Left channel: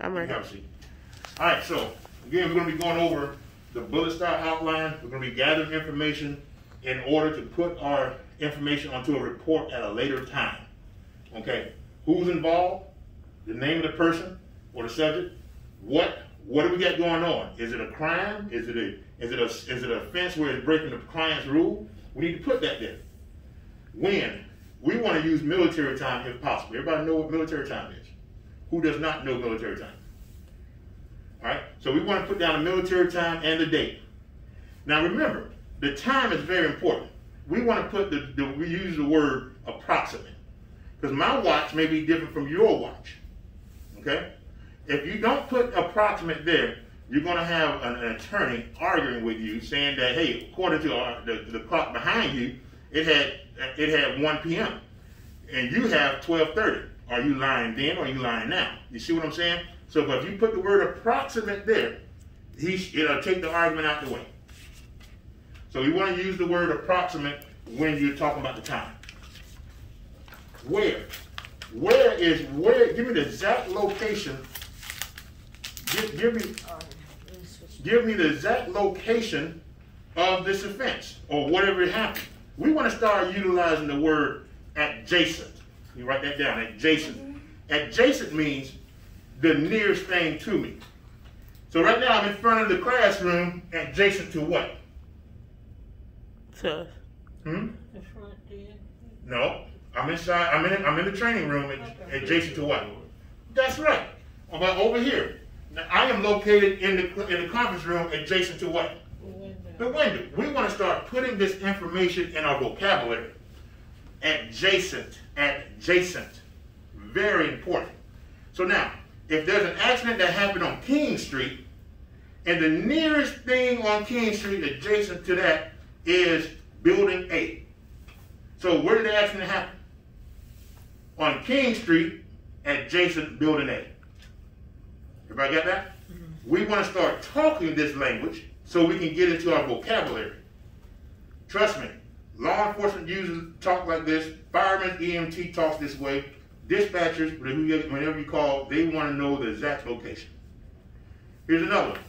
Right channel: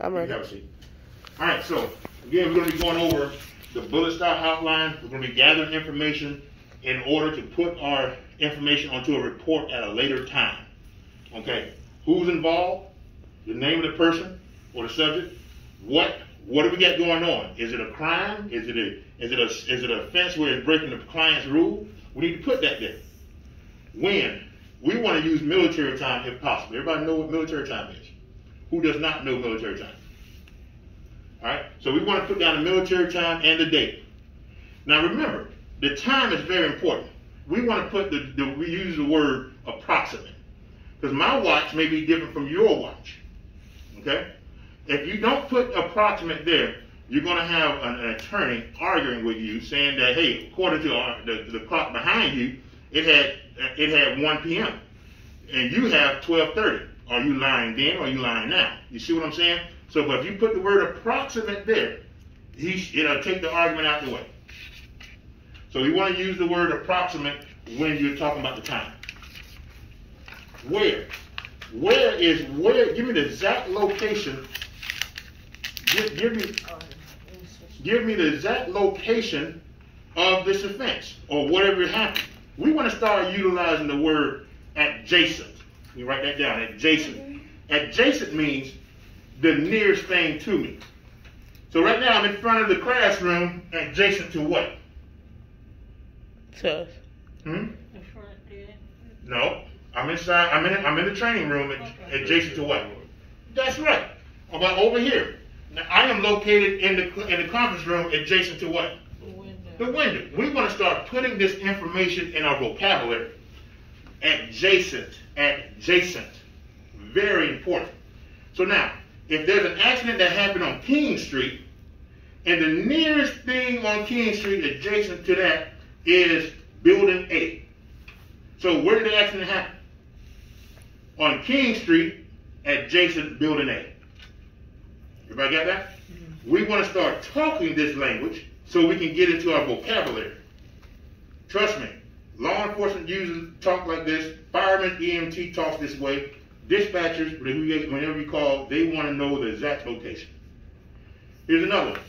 I'm ready. Have a seat. All right, so again, we're going to be going over the bullet style outline. We're going to be gathering information in order to put our information onto a report at a later time. Okay, who's involved, the name of the person or the subject, what do we got going on? Is it a crime? Is it an offense where it's breaking the client's rule? We need to put that there. When? We want to use military time if possible. Everybody know what military time is? Who does not know military time? All right, so we want to put down the military time and the date. Now remember, the time is very important. We want to put we use the word approximate, because my watch may be different from your watch. Okay? If you don't put approximate there, you're going to have an attorney arguing with you, saying that, hey, according to the clock behind you, it had 1 p.m. and you have 12:30. Are you lying then or are you lying now? You see what I'm saying? So if you put the word approximate there, it'll take the argument out the way. So you want to use the word approximate when you're talking about the time. Where? Where is where? Give me the exact location. Give me the exact location of this offense or whatever happened. We want to start utilizing the word adjacent. You write that down, adjacent. Adjacent means the nearest thing to me. So right now I'm in front of the classroom, adjacent to what? To us. The front there. No, I'm inside. I'm in the training room, adjacent to what? That's right. About over here. Now I am located in the conference room, adjacent to what? The window. We want to start putting this information in our vocabulary. Adjacent, adjacent. Very important. So now, if there's an accident that happened on King Street, and the nearest thing on King Street adjacent to that is Building A. So where did the accident happen? On King Street, adjacent Building A. Everybody got that? Mm-hmm. We want to start talking this language so we can get into our vocabulary. Trust me, law enforcement users talk like this. Firemen, EMT talks this way. Dispatchers, whenever you call, they want to know the exact location. Here's another one.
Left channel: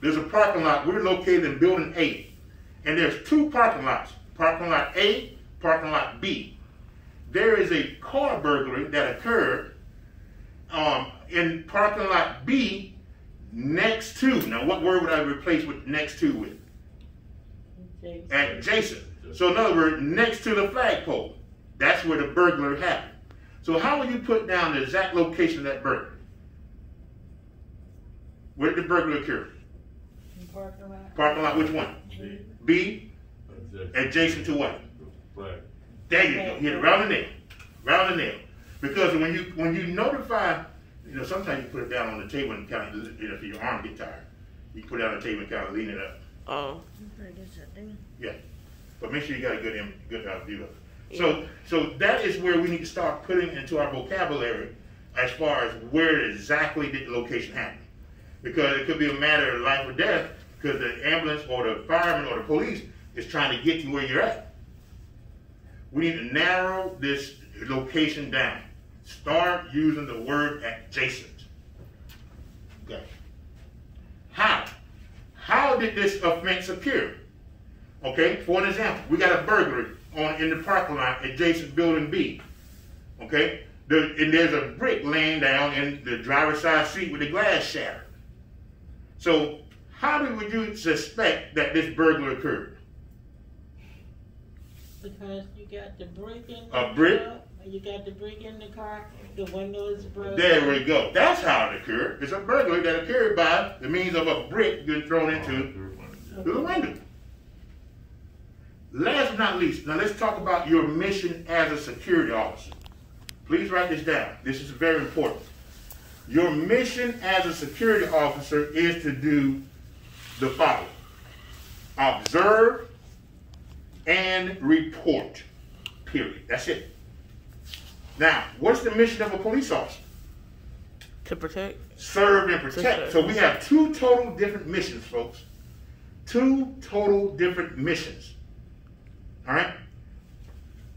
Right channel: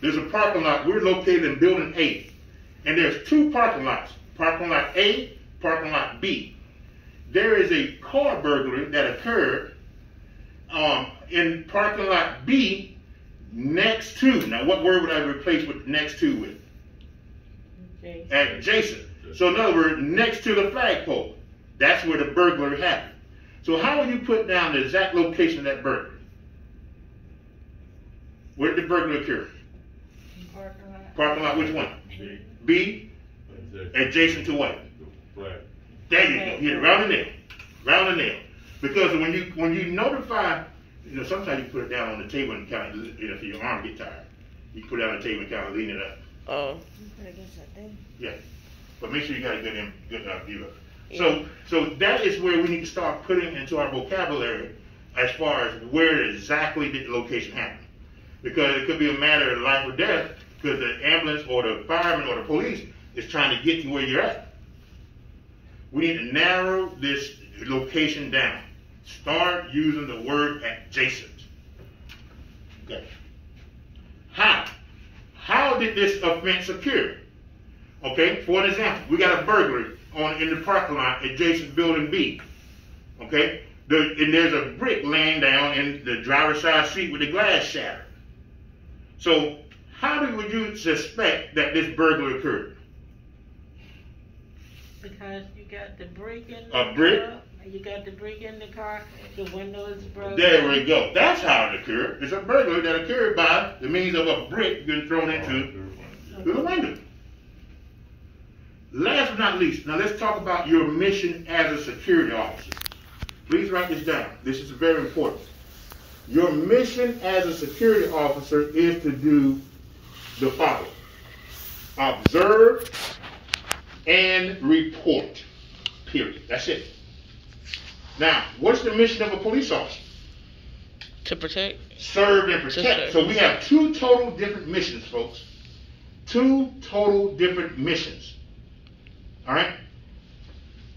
There's a parking lot. We're located in Building A. And there's two parking lots. Parking lot A, parking lot B. There is a car burglary that occurred in parking lot B next to. Now, what word would I replace with next to with? Adjacent. So in other words, next to the flagpole. That's where the burglary happened. So how will you put down the exact location of that burglary? Where did the burglary occur? Parking lot. Parking lot, which one? B. Adjacent to what? Right. There you go. Hit it round the nail. Round the nail. Because when you notify, sometimes you put it down on the table and kind of, if your arm get tired, you put it on the table and kind of lean it up. Oh. Yeah. But make sure you got a good view of it. Yeah. So that is where we need to start putting into our vocabulary as far as where exactly did the location happen. Because it could be a matter of life or death because the ambulance or the fireman or the police is trying to get to where you're at. We need to narrow this location down. Start using the word adjacent. Okay. How did this offense occur? Okay, for an example, we got a burglary in the parking lot adjacent Building B. Okay, and there's a brick laying down in the driver's side seat with the glass shattered. So how would you suspect that this burglary occurred? Because you got the brick in the car. A brick? You got the brick in the car, the windows broken. There we go. That's how it occurred. It's a burglary that occurred by the means of a brick being thrown into the window. Last but not least, now let's talk about your mission as a security officer. Please write this down. This is very important. Your mission as a security officer is to do the following: observe and report. Period. That's it. Now, what's the mission of a police officer? To protect. Serve and protect. So we have two total different missions, folks. Two total different missions. All right?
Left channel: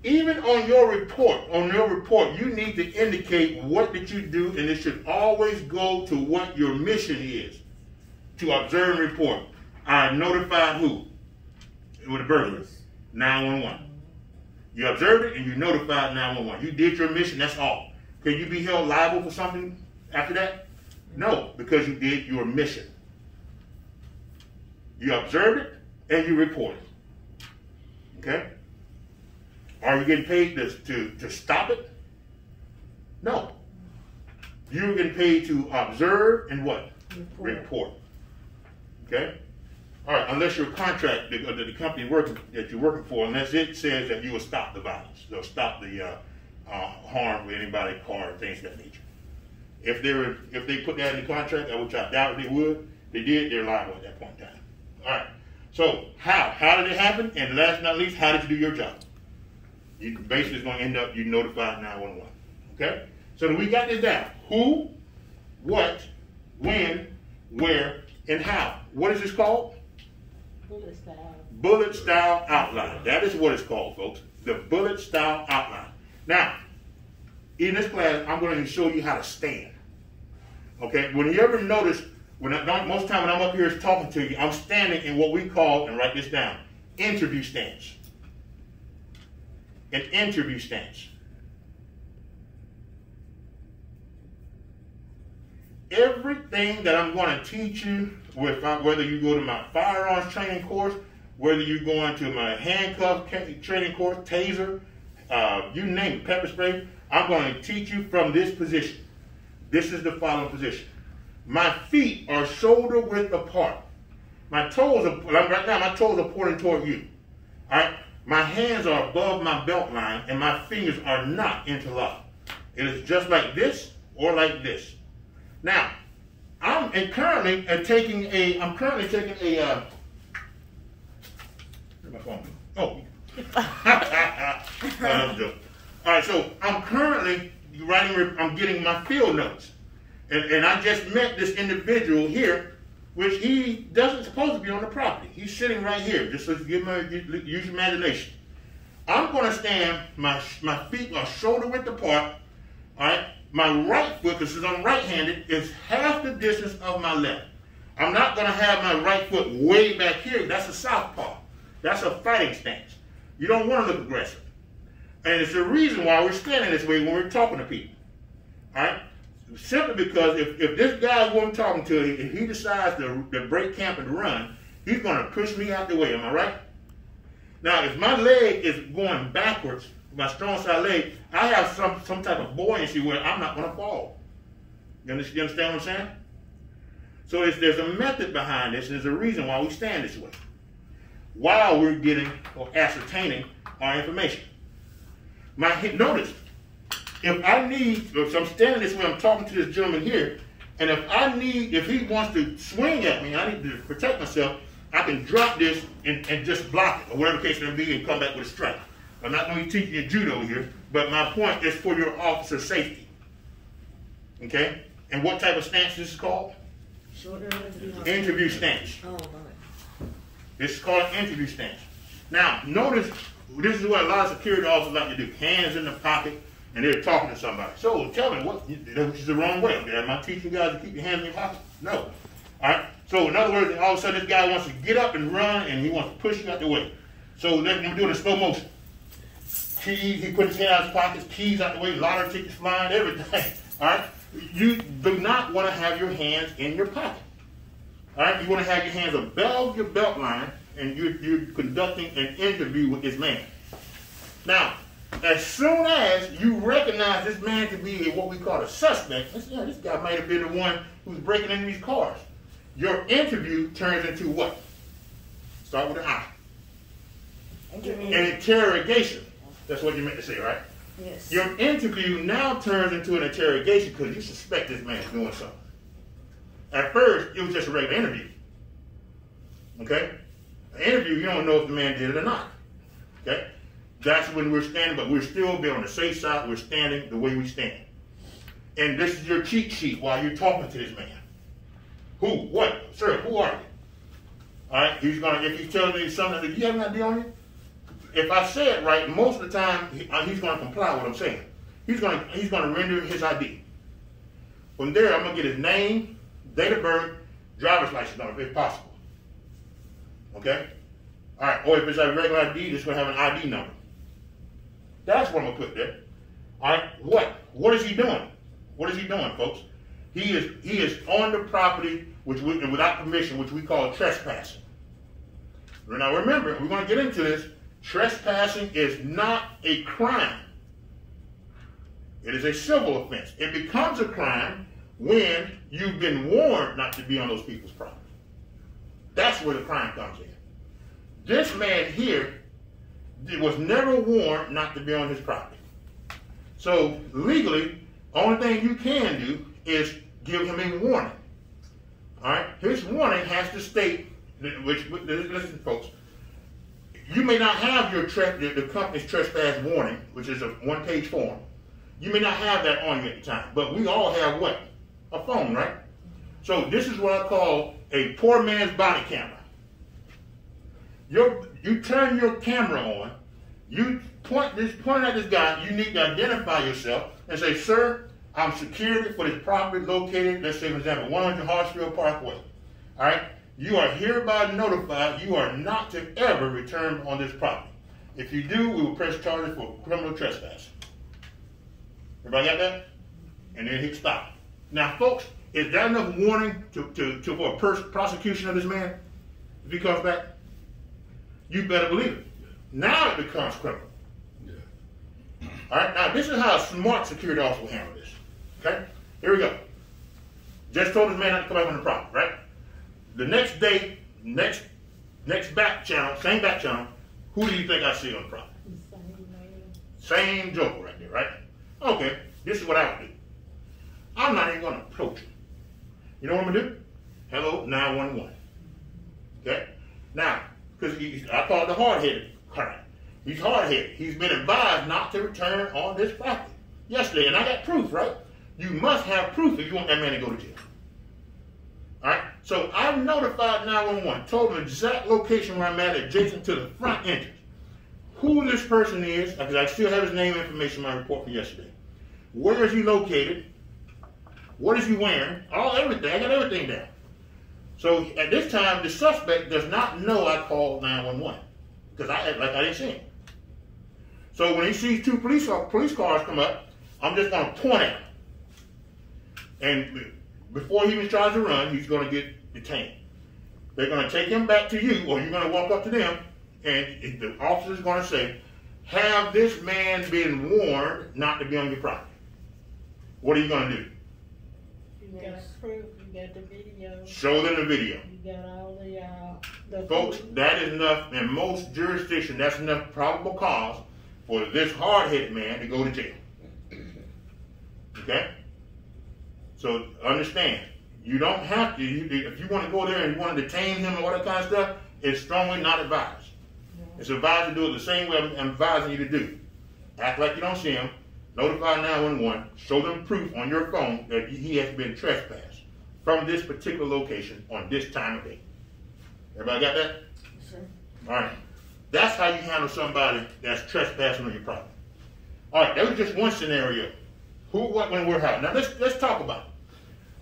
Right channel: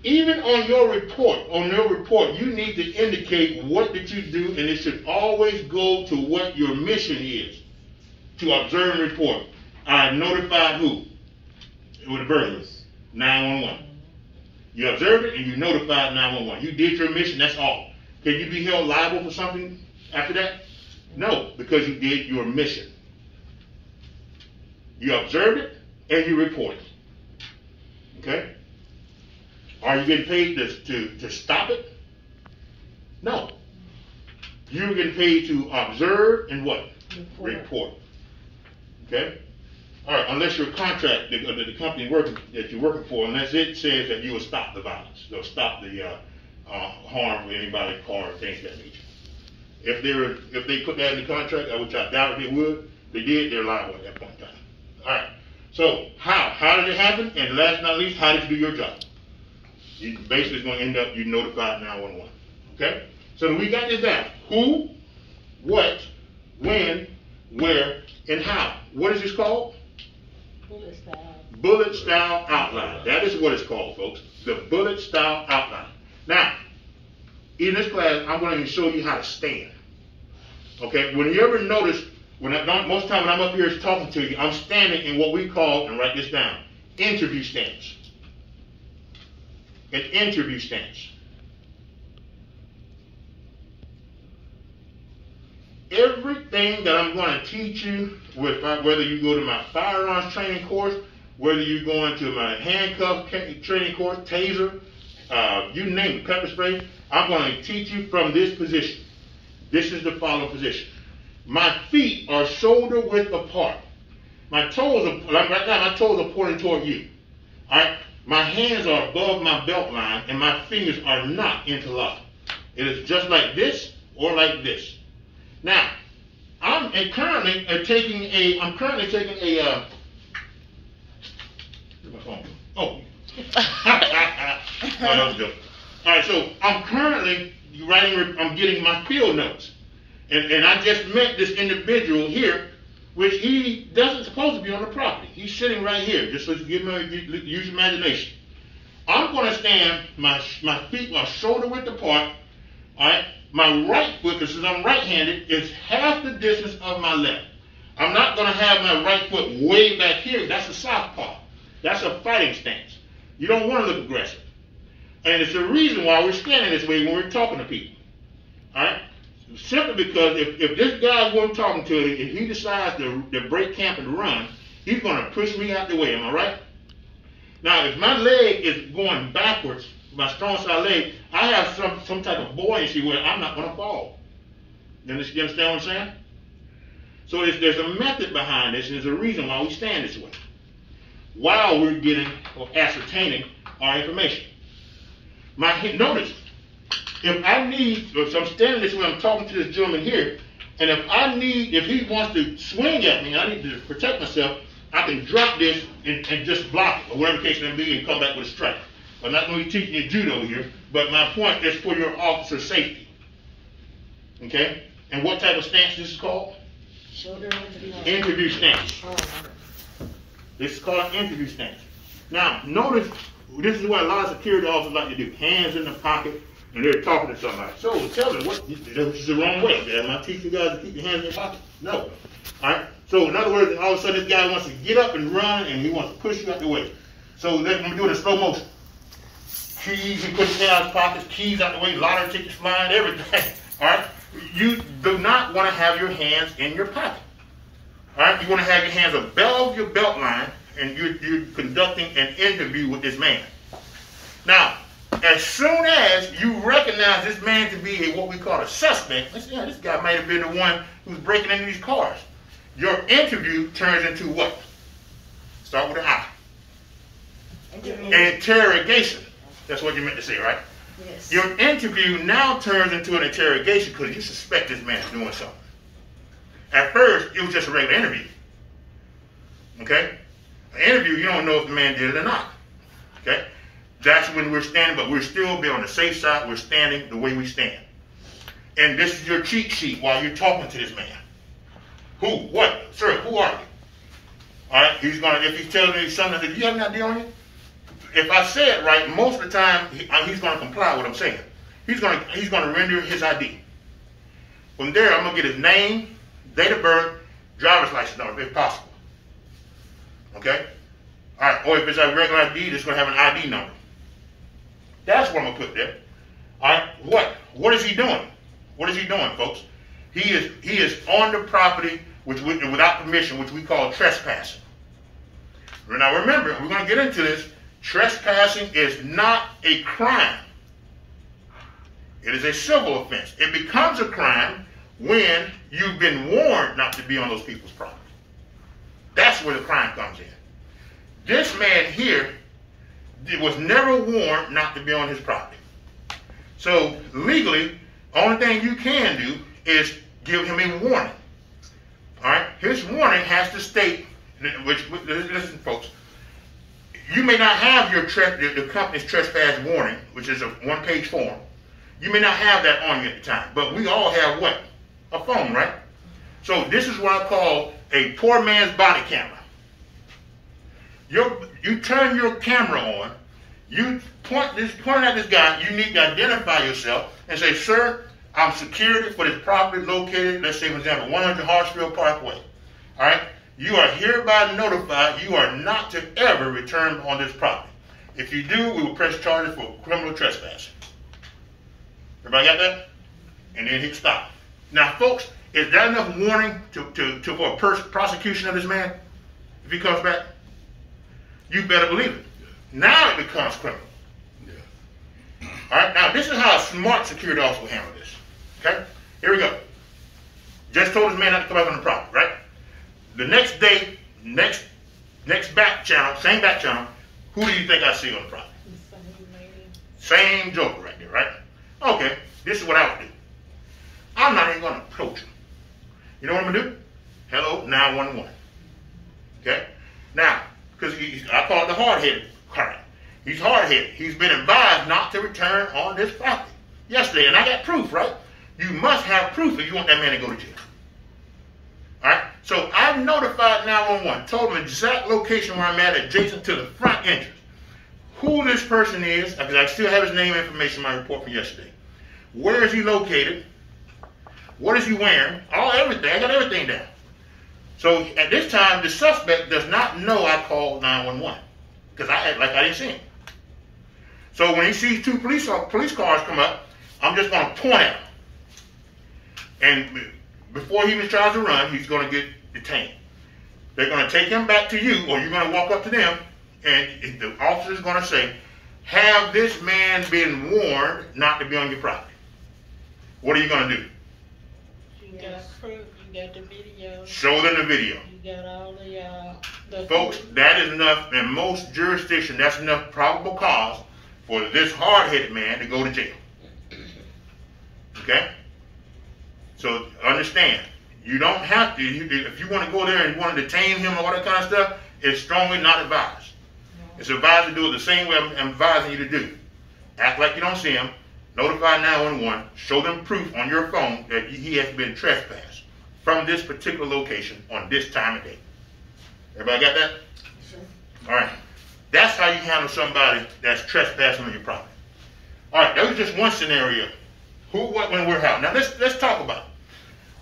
Even on your report, you need to indicate what did you do, and it should always go to what your mission is. To observe and report. I notified who? With the burglars. 911. You observed it and you notified 911. You did your mission, that's all. Can you be held liable for something after that? No, because you did your mission. You observed it and you reported. Okay? Are you getting paid to stop it? No. You're getting paid to observe and what? Report. Okay? All right, unless your contract, the company that you're working for, unless it says that you will stop the violence, they'll stop the harm with anybody, car, things of that nature. If they put that in the contract, which I doubt they would, they did, they're liable at that point in time. All right. So how did it happen? And last but not least, how did you do your job? You basically is going to end up you notified 911. Okay. So we got this down: who, what, when, where, and how. What is this called? Bullet style. Bullet style outline. That is what it's called, folks. The bullet style outline. Now, in this class, I'm going to show you how to stand. Okay? When you ever notice, most of the time when I'm up here talking to you, I'm standing in what we call, and write this down, interview stance. An interview stance. Everything that I'm going to teach you, whether you go to my firearms training course, whether you're going to my handcuff training course, taser, you name it, pepper spray, I'm going to teach you from this position. This is the following position. My feet are shoulder width apart. My toes are, right now, my toes are pointing toward you. All right? My hands are above my belt line, and my fingers are not interlocked. It is just like this or like this. Now, I'm currently taking a, my phone. Oh. That was good. All right, so I'm currently I'm getting my field notes. And I just met this individual here, which he doesn't supposed to be on the property. He's sitting right here, just so you use your imagination. I'm going to stand, my feet are shoulder width apart, all right? My right foot, because I'm right-handed, is half the distance of my left. I'm not going to have my right foot way back here. That's a southpaw. That's a fighting stance. You don't want to look aggressive. And it's the reason why we're standing this way when we're talking to people. All right? Simply because if this guy who I'm talking to, if he decides to break camp and run, he's going to push me out the way. Am I right? Now, if my leg is going backwards, my strong side leg, I have some type of buoyancy where I'm not going to fall. You understand what I'm saying? So there's a method behind this, and there's a reason why we stand this way, while we're getting or ascertaining our information. Notice, if I'm standing this way, I'm talking to this gentleman here, and if he wants to swing at me, I need to protect myself, I can drop this and just block it, or whatever the case may be, and come back with a strike. I'm not going to be teaching you judo here, but my point is for your officer's safety. Okay? And what type of stance this is called? Shoulder interview stance. This is called an interview stance. Now, notice, this is what a lot of security officers like to do. Hands in the pocket, and they're talking to somebody. So tell me, which is the wrong way? Am I teaching you guys to keep your hands in your pocket? No. All right? So in other words, all of a sudden this guy wants to get up and run, and he wants to push you out the way. So let me do it in slow motion. Keys, he puts it in his pockets, keys out the way, lottery tickets flying, everything. All right? You do not want to have your hands in your pocket. All right? You want to have your hands above your belt line, and you're conducting an interview with this man. Now, as soon as you recognize this man to be what we call a suspect, let's say, yeah, this guy might have been the one who's breaking into these cars. Your interview turns into what? Start with an I. Interrogation. That's what you meant to say, right? Yes. Your interview now turns into an interrogation because you suspect this man is doing something. At first, it was just a regular interview. Okay? An interview, you don't know if the man did it or not. Okay? That's when we're standing, but we're still be on the safe side. We're standing the way we stand. And this is your cheat sheet while you're talking to this man. Who? What? Sir, who are you? All right? He's going to, if he's telling me something, do you have an idea on you? if I say it right, most of the time he's going to comply with what I'm saying. He's going to render his ID. From there, I'm going to get his name, date of birth, driver's license number, if possible. Okay? All right, or if it's a regular ID, it's going to have an ID number. That's what I'm going to put there. All right, what is he doing? What is he doing, folks? He is on the property without permission, which we call trespassing. Now remember, we're going to get into this. Trespassing is not a crime. It is a civil offense. It becomes a crime when you've been warned not to be on those people's property. That's where the crime comes in. This man here was never warned not to be on his property. So legally, only thing you can do is give him a warning. All right? His warning has to state, listen, folks, you may not have the company's trespass warning, which is a one-page form. You may not have that on you at the time, but we all have what? A phone, right? So this is what I call a poor man's body camera. You turn your camera on, you point at this guy, you need to identify yourself and say, sir, I'm security for this property located, let's say for example, 100 Hartsfield Parkway. All right? You are hereby notified you are not to ever return on this property. If you do, we will press charges for criminal trespass. Everybody got that? And then hit stop. Now, folks, is that enough warning for a prosecution of this man if he comes back? You better believe it. Now it becomes criminal. Yeah. All right, now this is how a smart security officer will handle this. Okay? Here we go. Just told this man not to come back on the property, right? The next day, next back channel, same back channel, who do you think I see on the property? Same joker right there, right? Okay, this is what I would do. I'm not even going to approach him. You know what I'm going to do? Hello, 911. Okay? Now, because I call it the hard-headed crime. He's hard-headed. He's been advised not to return on this property yesterday, and I got proof, right? You must have proof if you want that man to go to jail. All right? So I've notified 911, told them the exact location where I'm at, adjacent to the front entrance. Who this person is, because I still have his name and information in my report from yesterday. Where is he located? What is he wearing? Everything. I got everything down. So at this time, the suspect does not know I called 911 because I act like I didn't see him. So when he sees two police cars come up, I'm just going to point at him. And before he even tries to run, he's going to get detained. They're going to take him back to you, or you're going to walk up to them, and the officer is going to say, have this man been warned not to be on your property? What are you going to do? You got proof, you got the video. Show them the video. You got all the folks, that is enough, in most jurisdictions, that's enough probable cause for this hard-headed man to go to jail. Okay? So understand, you don't have to, if you want to go there and you want to detain him or all that kind of stuff, it's strongly not advised. It's advised to do it the same way I'm advising you to do. Act like you don't see him, notify 911, show them proof on your phone that he has been trespassed from this particular location on this time of day. Everybody got that? Sure. All right. That's how you handle somebody that's trespassing on your property. All right, that was just one scenario. Who, what, when, where, how. Now let's talk about it.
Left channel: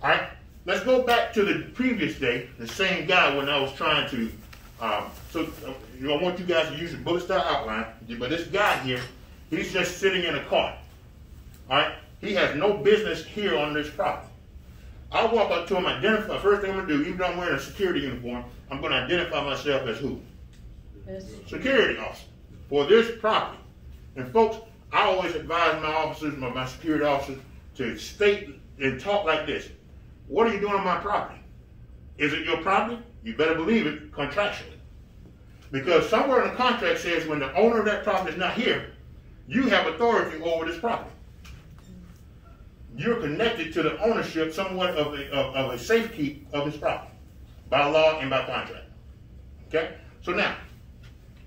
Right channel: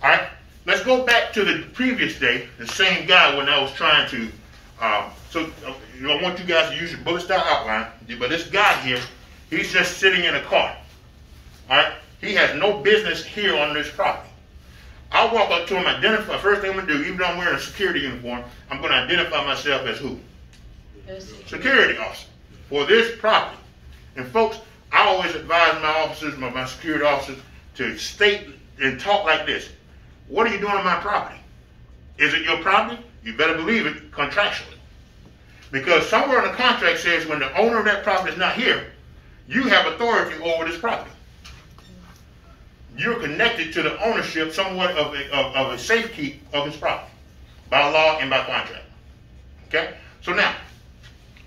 All right, let's go back to the previous day, the same guy when I was trying to, I want you guys to use your bullet style outline, but this guy here, he's just sitting in a car. All right, he has no business here on this property. I'll walk up to him, identify, first thing I'm going to do, even though I'm wearing a security uniform, I'm going to identify myself as who? Security officer for this property. And folks, I always advise my officers, my security officers, to state and talk like this. What are you doing on my property? Is it your property? You better believe it contractually. Because somewhere in the contract says when the owner of that property is not here, you have authority over this property. You're connected to the ownership somewhat of a safekeep of his property by law and by contract. Okay? So now,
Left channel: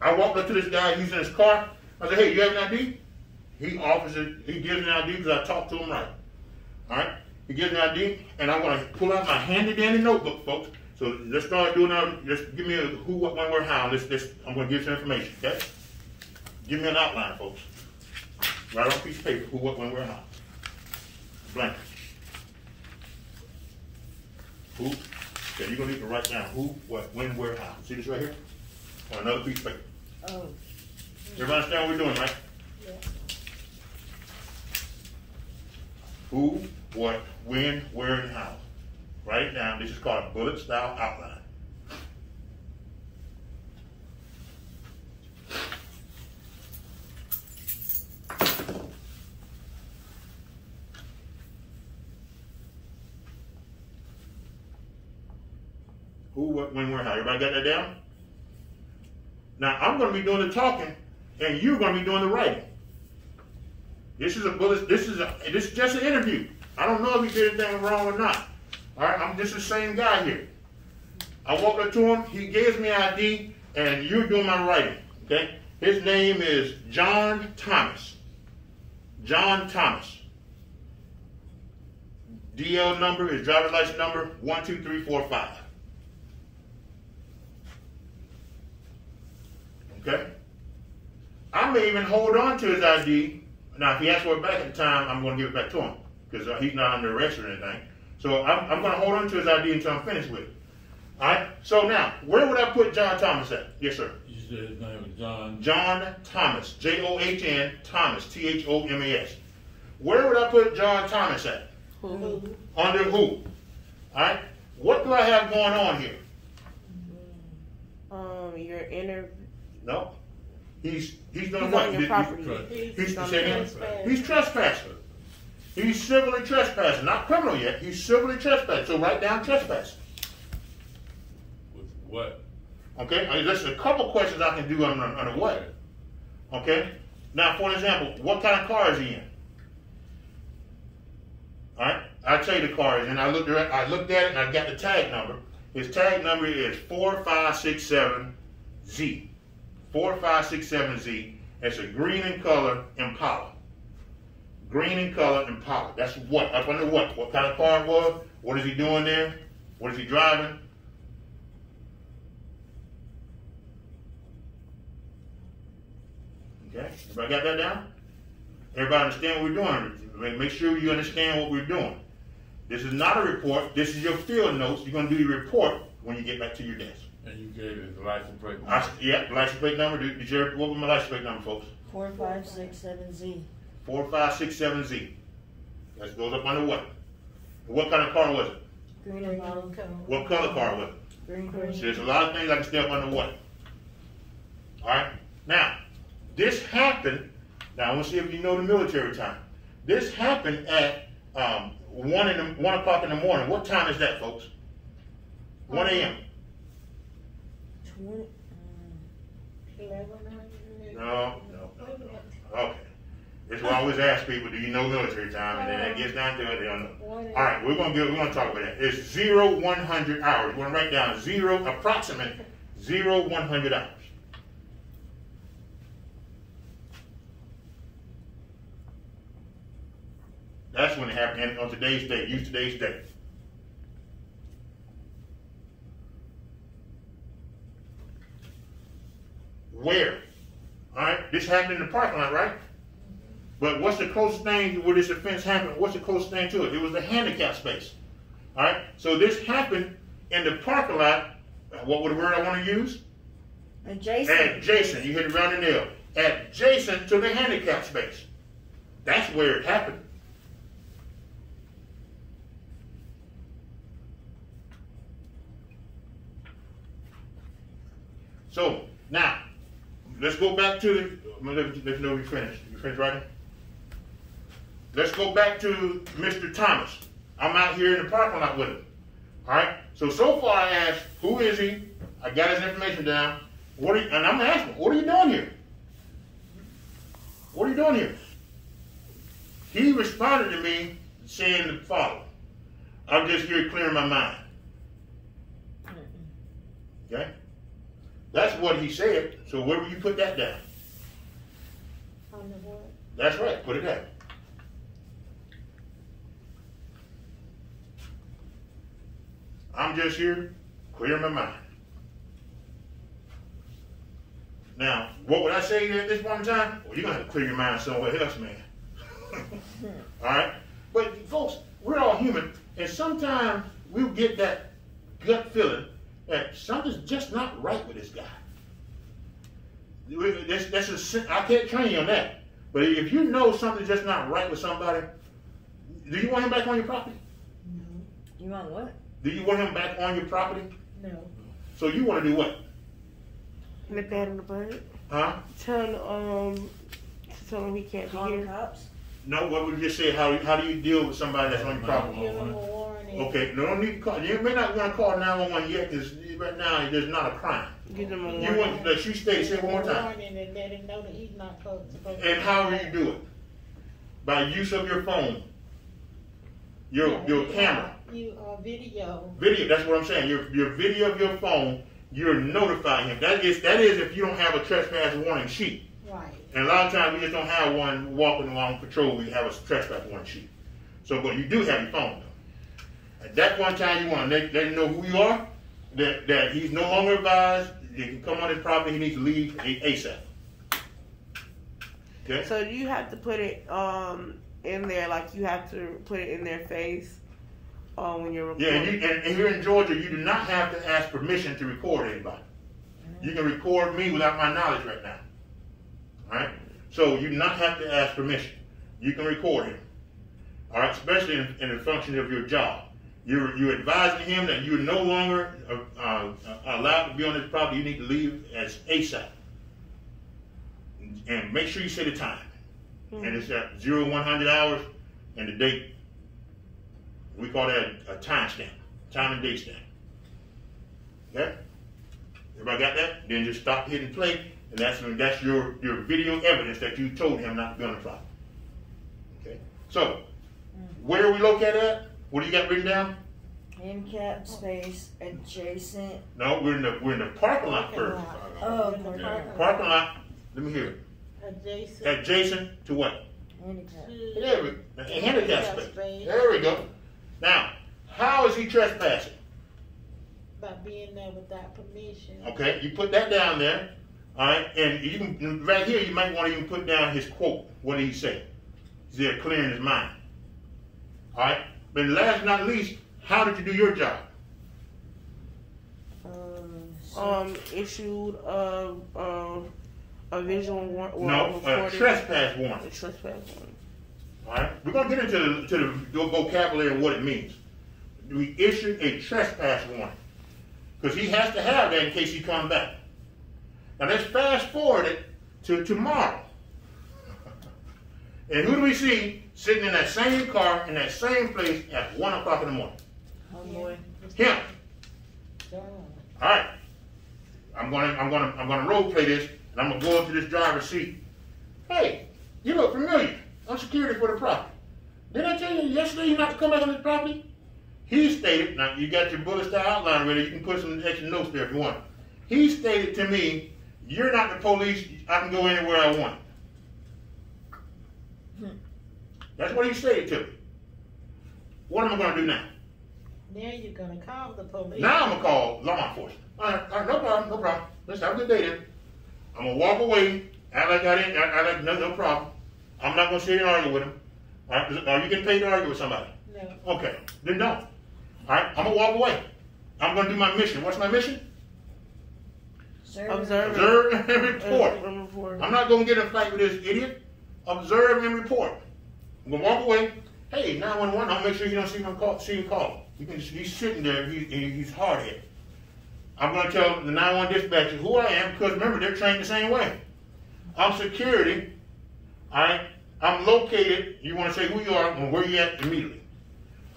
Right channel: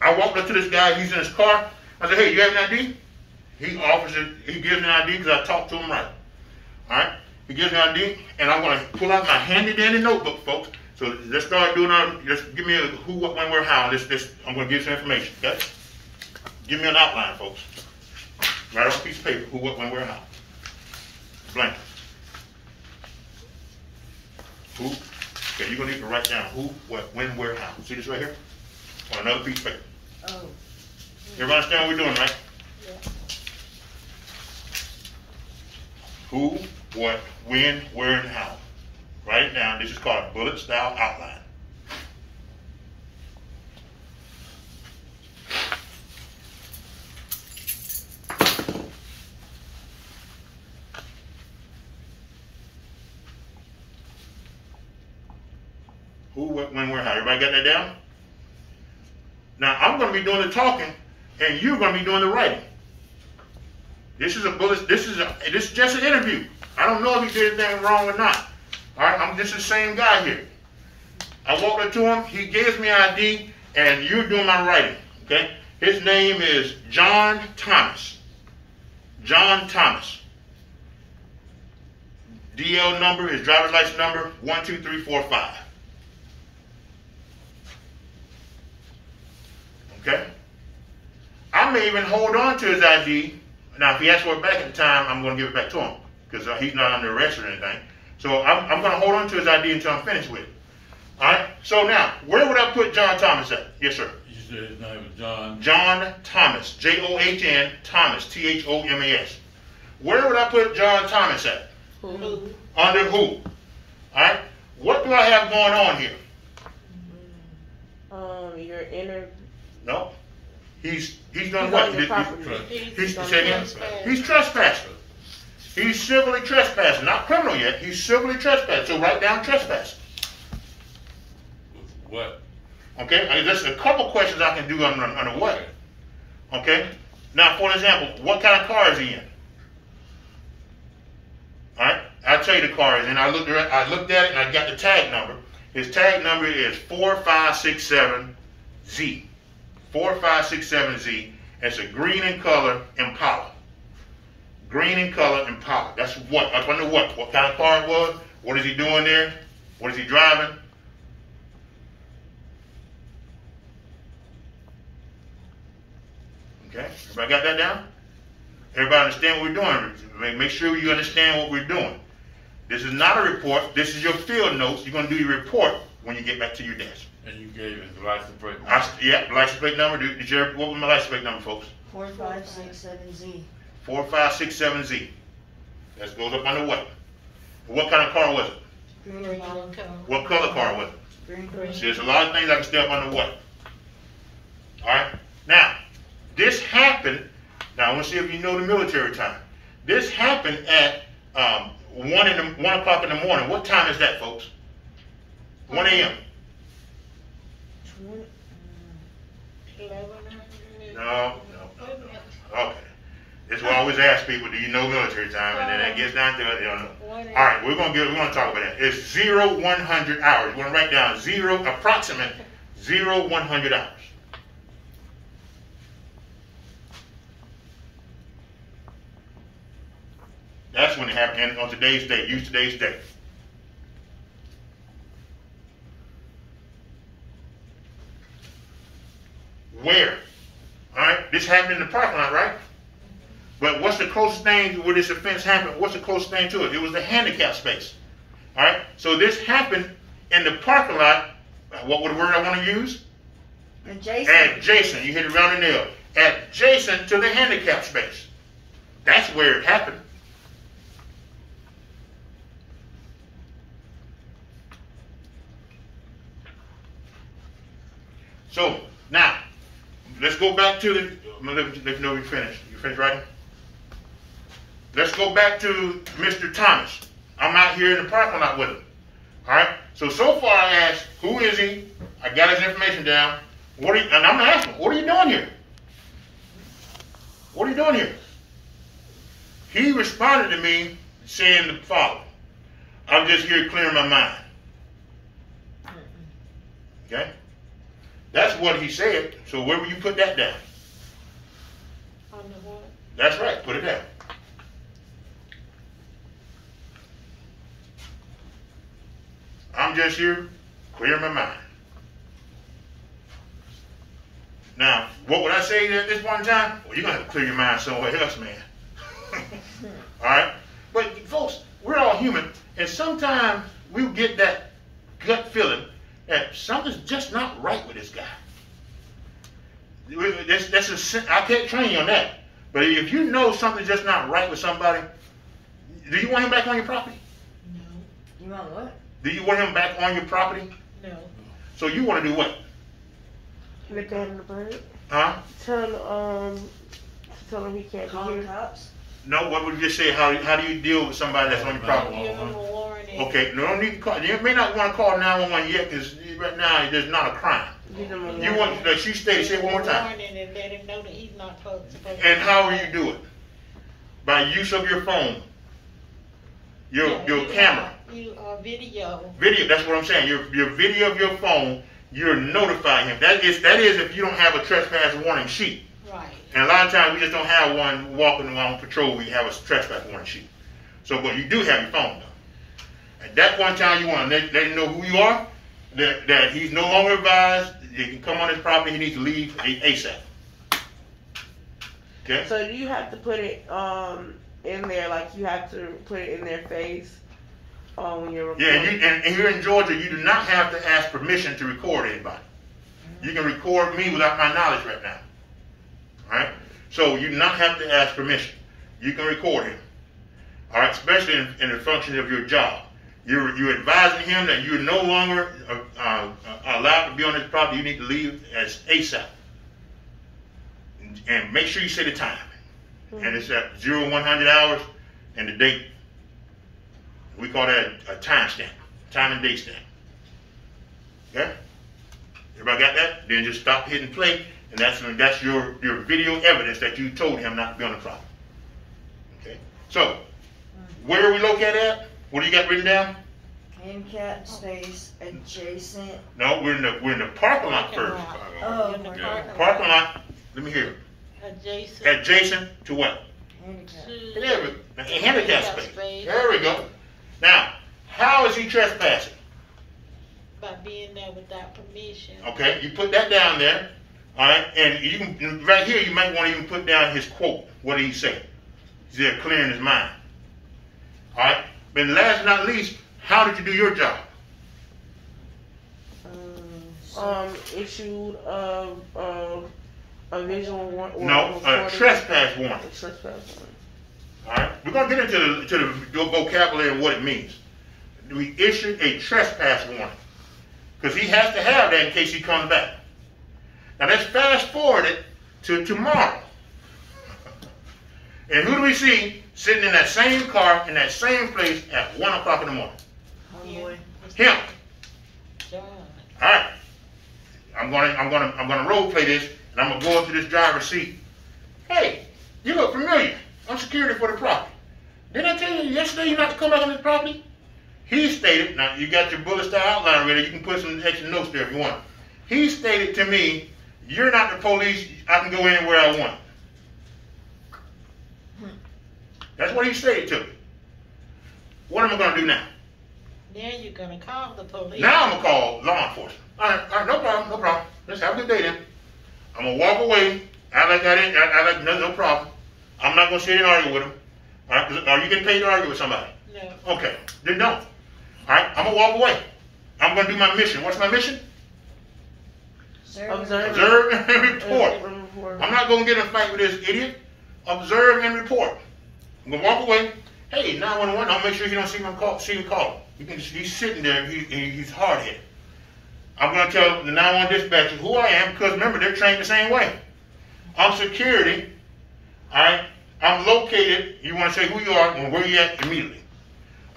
I walked up to this guy, he's in his car. I said, hey, you have an ID? He offers it, he gives me an ID because I talked to him right. All right? He gives me an ID, and I'm going to pull out my handy dandy notebook, folks. So let's start doing just give me a who, what, when, where, how. I'm going to give some information, okay? Give me an outline, folks. Write on a piece of paper, who, what, when, where, how. Blank. Who? Okay, you're going to need to write down who, what, when, where, how. See this right here? On another piece of paper. Oh. Everybody understand what we're doing, right? Yeah. Who, what, when, where, and how. Write it down. This is called a bullet style outline. Who, what, when, where, how. Everybody got that down? Now, I'm going to be doing the talking, and you're going to be doing the writing. This is a bullet. This is just an interview. I don't know if he did anything wrong or not. All right, I'm just the same guy here. I walked up to him. He gives me ID, and you're doing my writing. Okay. His name is John Thomas. John Thomas. DL number, his driver's license number, 12345. Okay? I may even hold on to his ID. Now, if he asks for it back at the time, I'm going to give it back to him because he's not under arrest or anything. So I'm going to hold on to his ID until I'm finished with it. All right? So now, where would I put John Thomas at? Yes, sir. You said his name was John. John Thomas. John Thomas. Thomas. Where would I put John Thomas at? Who? Under who? All right? What do I have going on here? Your inner. No. He's done He's what? on your property. He's trespassing. He's civilly trespassing. Not criminal yet. He's civilly trespassing. So write down trespassing. With what? Okay? There's a couple questions I can do on the what. Okay? Now, for example, what kind of car is he in? All right? I'll tell you the car is in. I looked at it and I got the tag number. His tag number is 4567Z. 4567Z. It's a green in color Impala. Green in color Impala. That's what. I wonder what. What kind of car it was? What is he doing there? What is he driving? Okay. Everybody got that down? Everybody understand what we're doing? Make sure you understand what we're doing. This is not a report. This is your field notes. You're going to do your report when you get back to your desk. And you gave his license plate number. Yeah, license plate number. What was my license plate number, folks? 4567Z. 4567Z. That goes up under what? What kind of car was it? Green and yellow. What color car was it? Green. See, there's a lot of things I can step under what? All right. Now, this happened. Now, I want to see if you know the military time. This happened at 1 o'clock in the morning. What time is that, folks? 1 a.m. 1100. No. Okay. That's why I always ask people, do you know military time? And then it gets down to it, they don't know. All right, we're gonna talk about that. It's 0-100 hours. We're gonna write down approximate 0-100 hours. That's when it happened. And on today's date, use today's date. Where? All right, this happened in the parking lot, right? But what's the closest thing where this offense happened? What's the closest thing to it? It was the handicap space. All right, so this happened in the parking lot. What would the word I want to use? Adjacent. Adjacent. You hit it around the nail. Adjacent to the handicap space. That's where it happened. So now, let's go back to the. Let you know you finished. You finished writing? Let's go back to Mr. Thomas. I'm out here in the parking lot with him. All right. So far I asked, who is he? I got his information down. And I'm asking, what are you doing here? What are you doing here? He responded to me saying the following: I'm just here clearing my mind. Okay. That's what he said. So where will you put that down? On the what? That's right. Put it down. I'm just here clearing my mind. Now, what would I say at this one time? Well, you're going to have to clear your mind somewhere else, man. All right? But, folks, we're all human, and sometimes we get that gut feeling that something's just not right with this guy. I can't train you on that. But if you know something's just not right with somebody, do you want him back on your property? No. You want what? Do you want him back on your property? No. So you want to do what? Nip that in the bud. Huh? Tell him he can't Call be the here. cops? No, what would you just say? How do you deal with somebody that's on your property? Give him a warning. Okay, no need to call. You may not want to call 911 yet because right now there's not a crime. Give them a You want that she stated, say it one more time. Warning and let him know that he's not supposed to. And how will you do it? By use of your phone, your camera, Video. video. That's what I'm saying. Your video of your phone. You're notifying him. That is if you don't have a trespass warning sheet. Right. And a lot of times we just don't have one walking around patrol. We have a trespass warning sheet. So, but you do have your phone though. At that one time, you want to let him know who you are. That he's no longer advised. He can come on his property. He needs to leave ASAP. Okay. So you have to put it in there, like you have to put it in their face when you're recording. Yeah, and here in Georgia, you do not have to ask permission to record anybody. You can record me without my knowledge right now. All right? So you do not have to ask permission. You can record him. All right? Especially in the function of your job. You're advising him that you're no longer allowed to be on his property. You need to leave as ASAP. And make sure you say the time. And it's at 0100 hours and the date. We call that a time stamp. Time and date stamp. Okay? Everybody got that? Then just stop hitting play, and that's your video evidence that you told him not to be on the property. Okay? So, where are we located at? What do you got written down? Handicap space adjacent. No, we're in the parking lot first. Oh, In the Parking lot. Let me hear it. Adjacent to what? Handicap. There we go. Handicap space. There we go. Now, how is he trespassing? By being there without permission. Okay, you put that down there. All right, and you can right here. You might want to even put down his quote. What did he say? He's there clearing his mind. All right, but last but not least, how did you do your job? Issued a visual warrant. No, a trespass warrant. A trespass warrant. All right, we're gonna get into the vocabulary of what it means. We issued a trespass warrant because he has to have that in case he comes back. Now let's fast forward it to tomorrow. And who do we see sitting in that same car in that same place at 1 o'clock in the morning? Homeboy. Him. John. All right. I'm gonna role play this, and I'm gonna go into this driver's seat. Hey, you look familiar. I'm security for the property. Didn't I tell you yesterday you not to come back on this property? He stated, now you got your bullet style outline ready, you can put some extra notes there if you want. He stated to me, you're not the police, I can go anywhere I want. That's what he stated to me. What am I going to do now? Now you're going to call the police. Now I'm going to call law enforcement. All right, no problem. Let's have a good day then. I'm going to walk away, act like no problem. I'm not going to sit and argue with him. All right, are you getting paid to argue with somebody? No. Okay, then no. All right, I'm going to walk away. I'm going to do my mission. What's my mission? Observe and report. I'm not going to get in a fight with this idiot. Observe and report. I'm going to walk away. Hey, 911, I'll make sure he don't see me call. He's sitting there, he's hard-headed. I'm going to tell the 911 dispatcher who I am, because remember, they're trained the same way. I'm security, all right? I'm located, you want to say who you are and where you at immediately.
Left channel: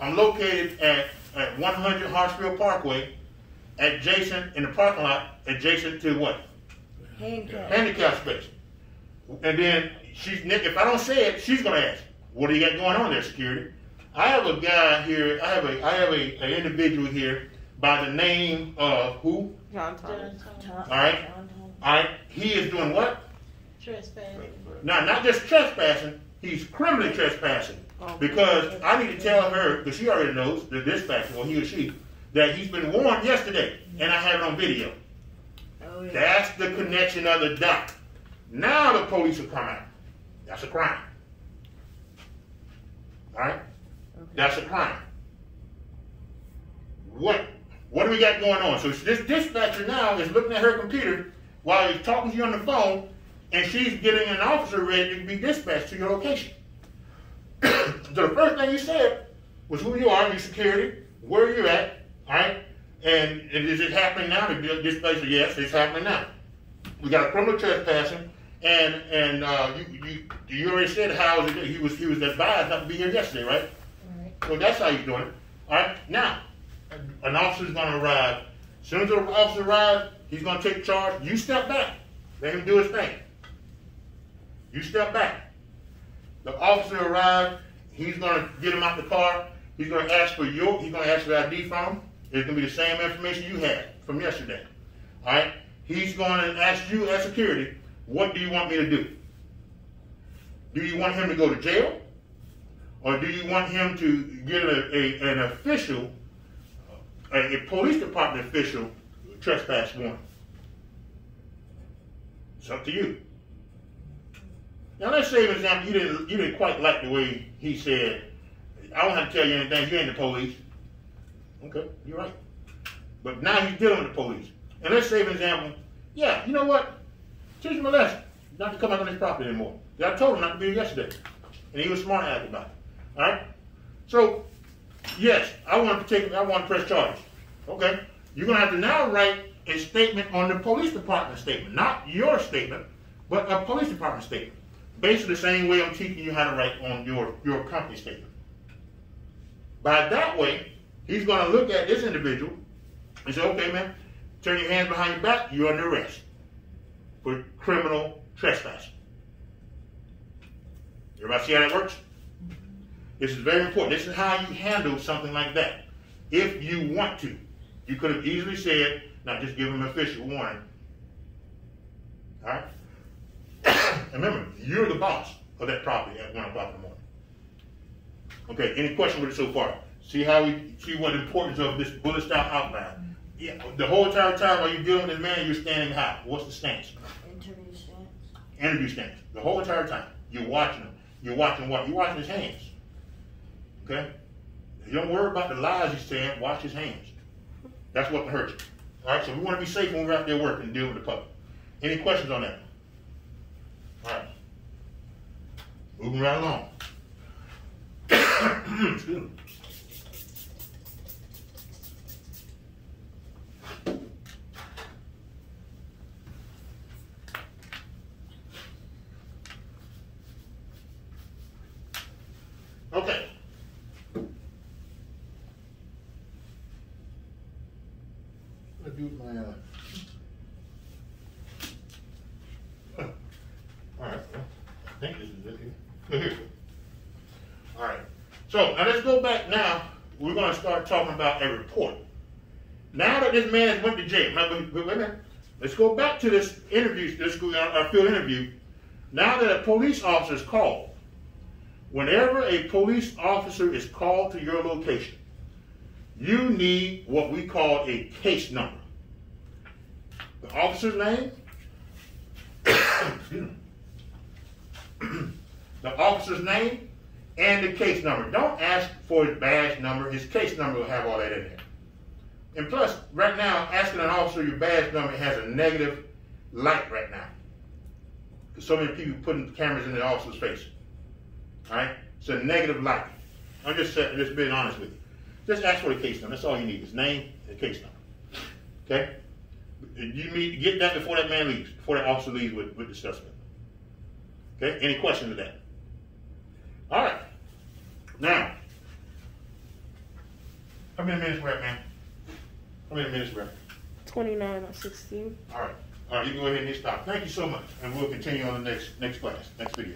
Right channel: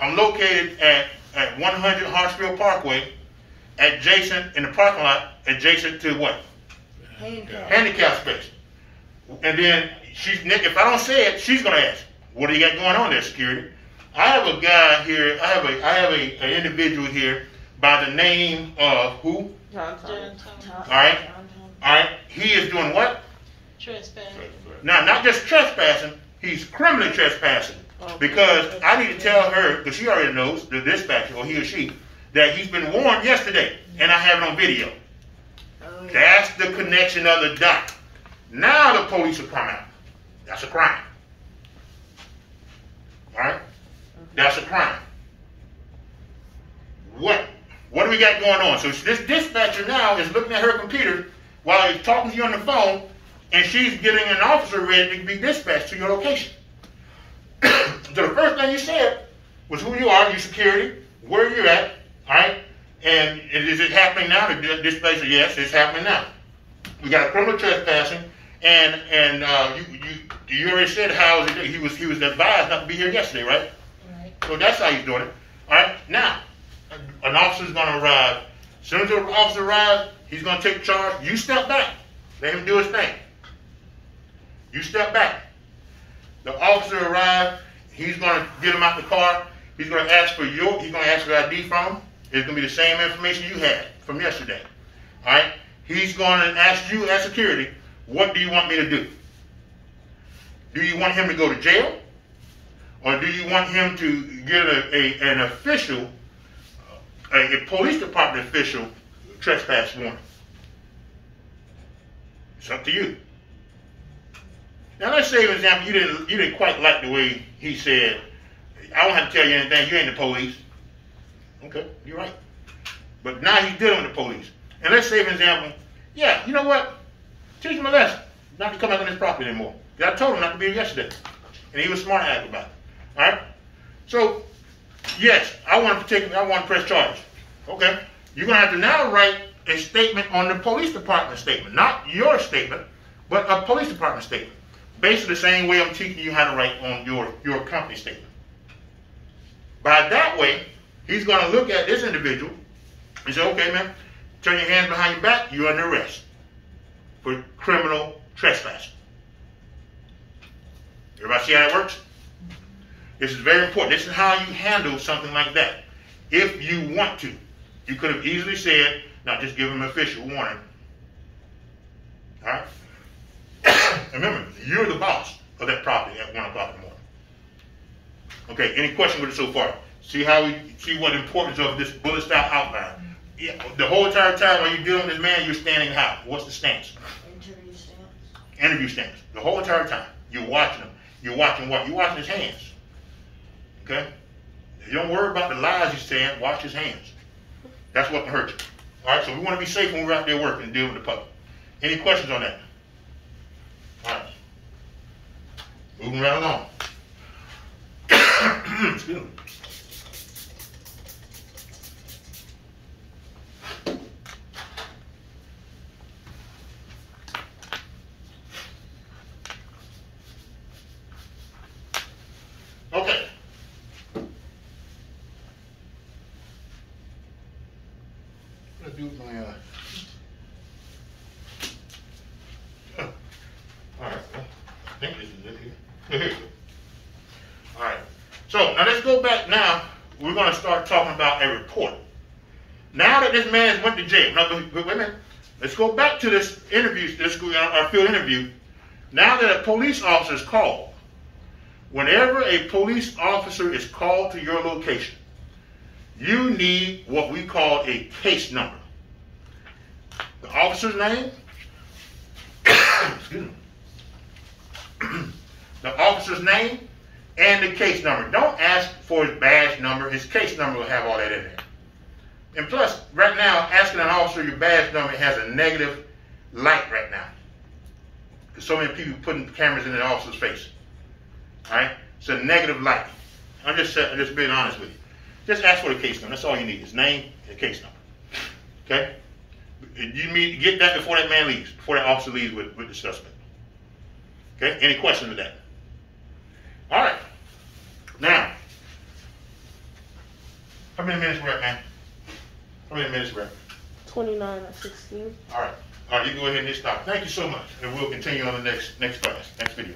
I'm located at 100 Hartsfield Parkway, adjacent, in the parking lot, adjacent to what? Handicap space. And then, if I don't say it, she's going to ask, what do you got going on there, security? I have a guy here, I have an individual here by the name of who? John. All right. He is doing what? Trespassing. Now, not just trespassing, he's criminally trespassing. Because I need to tell her, because she already knows, the dispatcher, or he or she, that he's been warned yesterday, and I have it on video. Oh, yeah. That's the connection of the dot. Now the police will come out. That's a crime. All right? That's a crime. What do we got going on? So this dispatcher now is looking at her computer while he's talking to you on the phone, and she's getting an officer ready to be dispatched to your location. So the first thing you said was who you are, your security, where you're at, all right? And is it happening now? The dispatcher, yes, it's happening now. We got a criminal trespassing, and you already said how he was advised not to be here yesterday, right? Right. So that's how he's doing it. All right. Now, an officer's going to arrive. As soon as the officer arrives, he's going to take charge. You step back. Let him do his thing. You step back. The officer arrives. He's going to get him out the car. He's going to ask for ID from him. It's going to be the same information you had from yesterday. All right. He's going to ask you as security, what do you want me to do? Do you want him to go to jail? Or do you want him to get an official, a police department official trespass warning? It's up to you. Now let's say, for example, you didn't quite like the way he said, I don't have to tell you anything, you ain't the police. Okay, you're right. But now he's dealing with the police. And let's say, for example, yeah, you know what? Teach him a lesson. Not to come out on this property anymore. I told him not to be here yesterday. And he was smart to act about it. All right? So, yes, I want to press charges. Okay? You're going to have to now write a statement on the police department statement. Not your statement, but a police department statement. Basically the same way I'm teaching you how to write on your company statement. By that way, he's going to look at this individual and say, okay, man, turn your hands behind your back, you're under arrest for criminal trespassing. Everybody see how that works? This is very important. This is how you handle something like that. If you want to, you could have easily said, now just give him an official warning. All right? Remember, you're the boss of that property at 1 o'clock in the morning. Okay, any question with it so far? See what the importance of this bullet style outline. Yeah, the whole entire time while you're dealing with this man, you're standing how? What's the stance? Interview stance. Interview stance. The whole entire time. You're watching him. You're watching what? You're watching his hands. Okay? You don't worry about the lies he's saying. Watch his hands. That's what can hurt you. All right? So we want to be safe when we're out there working and dealing with the public. Any questions on that? All right. Moving right along. Excuse me. Okay. What do I do with my all right. I think this is it here. Here we go. All right. So now let's go back now. We're going to start talking about a report. Now that this man has went to jail. Now, wait a minute. Let's go back to this interview, our field interview. Now that a police officer is called, whenever a police officer is called to your location, you need what we call a case number. The officer's name, excuse me. The officer's name and the case number. Don't ask for his badge number. His case number will have all that in there. And plus, right now, asking an officer your badge number has a negative light right now. Because so many people putting cameras in the officer's face. All right? It's a negative light. I'm just being honest with you. Just ask for the case number. That's all you need. His name and the case number. Okay? You need to get that before that man leaves, before that officer leaves with the suspect. Okay? Any questions with that? All right. Now, how many minutes we're at, man? How many minutes we're at? 29 or 16. All right. All right, you can go ahead and hit stop. Thank you so much. And we'll continue on the next class, next video.